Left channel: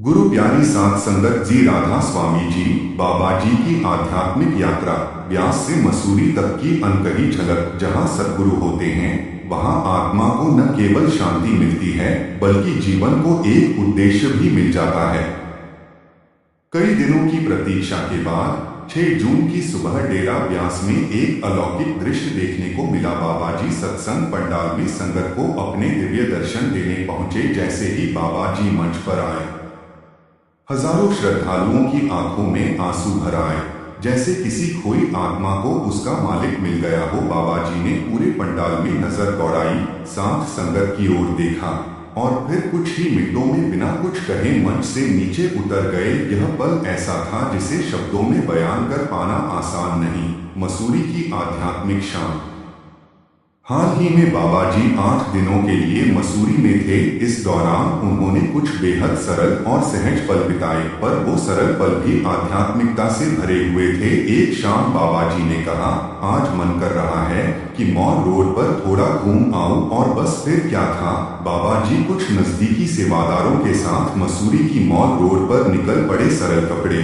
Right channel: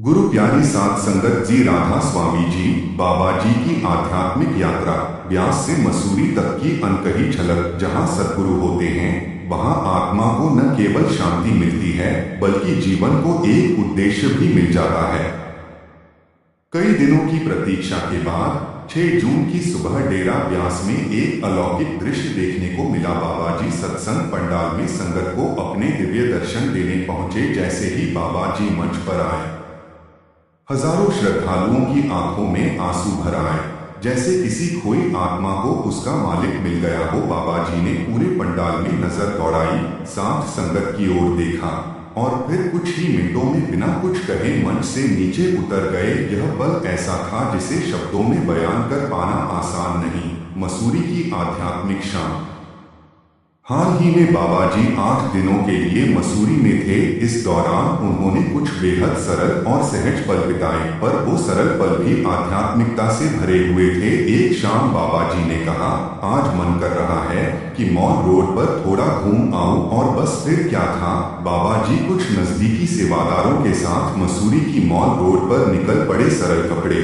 गुरु प्यारी सात संगत जी राधा स्वामी जी बाबा जी की आध्यात्मिक यात्रा ब्यास से मसूरी तक की अनकही झलक। जहां सद्गुरु होते हैं वहां आत्मा को न केवल शांति मिलती है बल्कि जीवन को एक उद्देश्य भी मिल जाता है। कई दिनों की प्रतीक्षा के बाद 6 जून की सुबह डेरा ब्यास में एक अलौकिक दृश्य देखने को मिला। बाबा जी सत्संग पंडाल में संगत को अपने दिव्य दर्शन देने पहुंचे। जैसे ही बाबा जी मंच पर आए, हजारों श्रद्धालुओं की आंखों में आंसू भर आए, जैसे किसी खोई आत्मा को उसका मालिक मिल गया हो। बाबा जी ने पूरे पंडाल में नजर दौड़ाई, साथ संगत की ओर देखा और फिर कुछ ही मिनटों में बिना कुछ कहे मंच से नीचे उतर गए। यह पल ऐसा था जिसे शब्दों में बयान कर पाना आसान नहीं। मसूरी की आध्यात्मिक शान। हाल ही में बाबा जी 8 दिनों के लिए मसूरी में थे। इस दौरान उन्होंने कुछ बेहद सरल और सहज पल बिताए, पर वो सरल पल भी आध्यात्मिकता से भरे हुए थे। एक शाम बाबा जी ने कहा, आज मन कर रहा है कि मॉल रोड पर थोड़ा घूम आऊं, और बस फिर क्या था, बाबा जी कुछ नजदीकी सेवादारों के साथ मसूरी की मॉल रोड पर निकल पड़े। सरल कपड़े,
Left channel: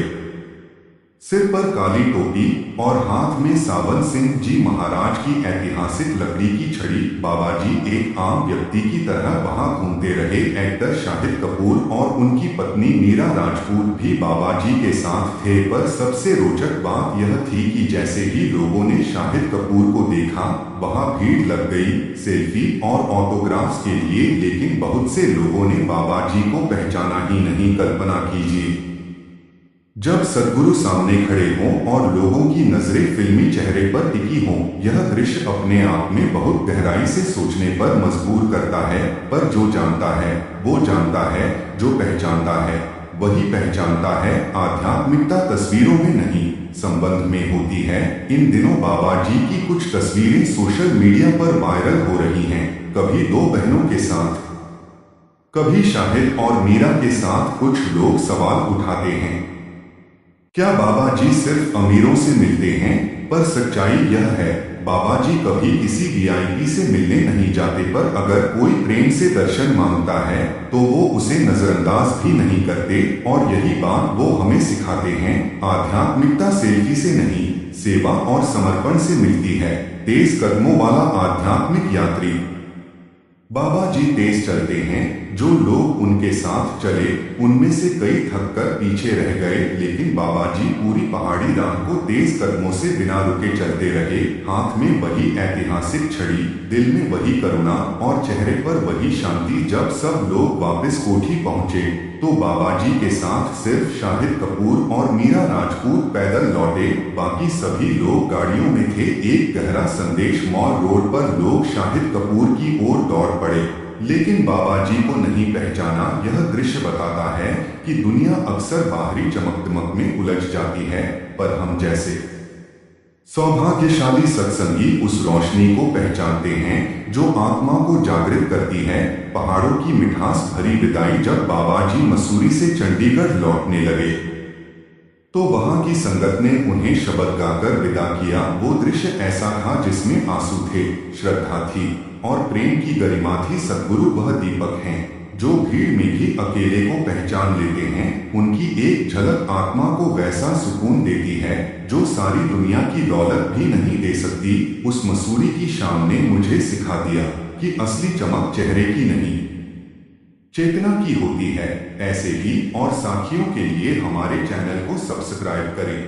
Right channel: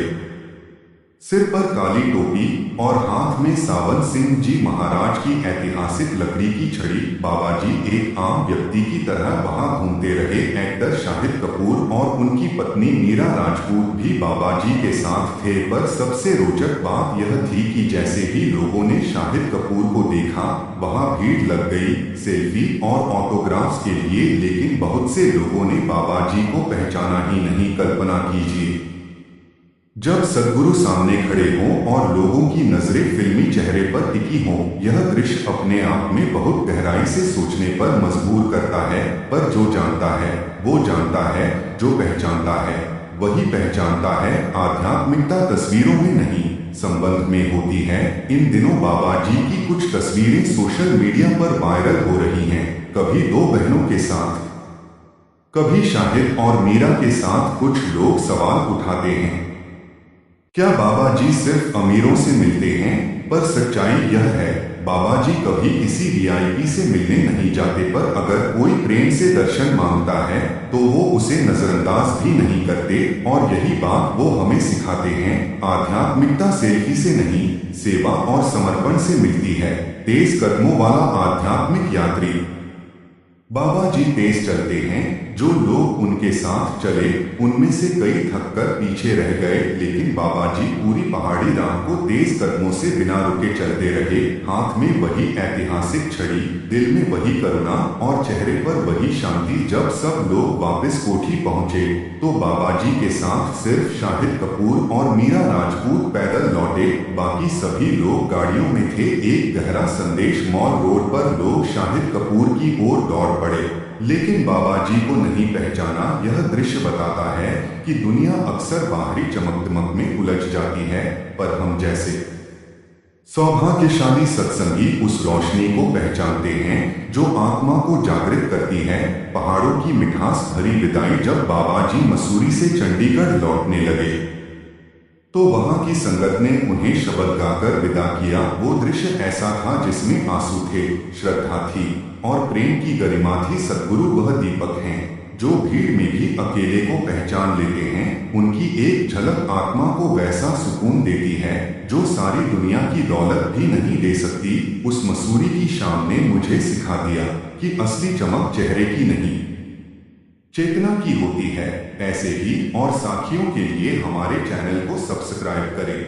सिर पर काली टोपी और हाथ में सावन सिंह जी महाराज की ऐतिहासिक लकड़ी की छड़ी। बाबा जी एक आम व्यक्ति की तरह वहां घूमते रहे। एक्टर शाहिद कपूर और उनकी पत्नी मीरा राजपूत भी बाबा जी के साथ थे। पर सबसे रोचक बात यह थी कि जैसे ही लोगों ने शाहिद कपूर को देखा, वहां भीड़ लग गई सेल्फी और ऑटोग्राफ्स के लिए। लेकिन बहुत से लोगों ने बाबा जी को पहचाना ही नहीं। कल्पना कीजिए, जब सद्गुरु सामने खड़े हों और लोगों की नजरें फिल्मी चेहरे पर टिकी हों। यह दृश्य अपने आप में बहुत गहराई से सोचने पर मजबूर करता है। पर जो जानता है वो जानता है, जो पहचानता है वही पहचानता है। आध्यात्मिकता तस्वीरों में नहीं, संबंध में होती है। इन दिनों बाबा जी की कुछ तस्वीरें सोशल मीडिया पर वायरल हो रही हैं। कभी 2 बहनों के साथ, कभी शाहिद और मीरा के साथ। कुछ लोग सवाल उठाते हैं, क्या बाबा जी सिर्फ अमीरों से मिलते हैं? पर सच्चाई यह है, बाबा जी कभी किसी वीआईपी से मिलने नहीं जाते। पर अगर कोई प्रेम से दर्शन मांगता है तो वो उसे नजरअंदाज भी नहीं करते। और यही बात वो हमें सिखाते हैं। आध्यात्मिकता सेल्फी से नहीं, सेवा और समर्पण से मिलती है। तेज कदमों वाला आध्यात्मिक यात्री। बाबा जी तेज चलते हैं। जो लोग उनके साथ चले उनमें से कई थककर पीछे रह गए, लेकिन बाबा जी पूरी पहाड़ी राह को तेज कदमों से बिना रुके चलते रहे। हाथ में वही ऐतिहासिक छड़ी, दिल में वही करुणा और चेहरे पर वही शांति। जब सब लोग वापस कोठी पहुंचे तो बाबा जी के साथ सिर्फ शाहिद कपूर और मीरा राजपूत पैदल लौटे। बाकी सभी लोग गाड़ियों में थे। एक गहरा संदेश। मॉल रोड पर लोग शाहिद कपूर की ओर दौड़ पड़े, लेकिन बाबा जी को नहीं पहचाना। यह दृश्य बताता है कि दुनिया अक्सर बाहरी चमक-दमक में उलझ जाती है, पर हम जैसे सौभाग्यशाली सत्संगी उस रोशनी को पहचानते हैं जो आत्मा को जागृत करती है। पहाड़ों की मिठास भरी विदाई। जब बाबा जी मसूरी से चंडीगढ़ लौटने लगे तो वहां की संगत ने उन्हें शब्द गाकर विदा किया। वो दृश्य ऐसा था जिसमें आंसू थे, श्रद्धा थी और प्रेम की गरिमा थी। सद्गुरु वह दीपक हैं जो भीड़ में भी अकेले को पहचान लेते हैं। उनकी एक झलक आत्मा को वैसा सुकून देती है जो सारी दुनिया की दौलत भी नहीं दे सकती। उस मसूरी की शाम ने मुझे सिखा दिया कि असली चमक चेहरे की नहीं, चेतना की होती है। ऐसे ही और साखियों के लिए हमारे चैनल को सब्सक्राइब करें।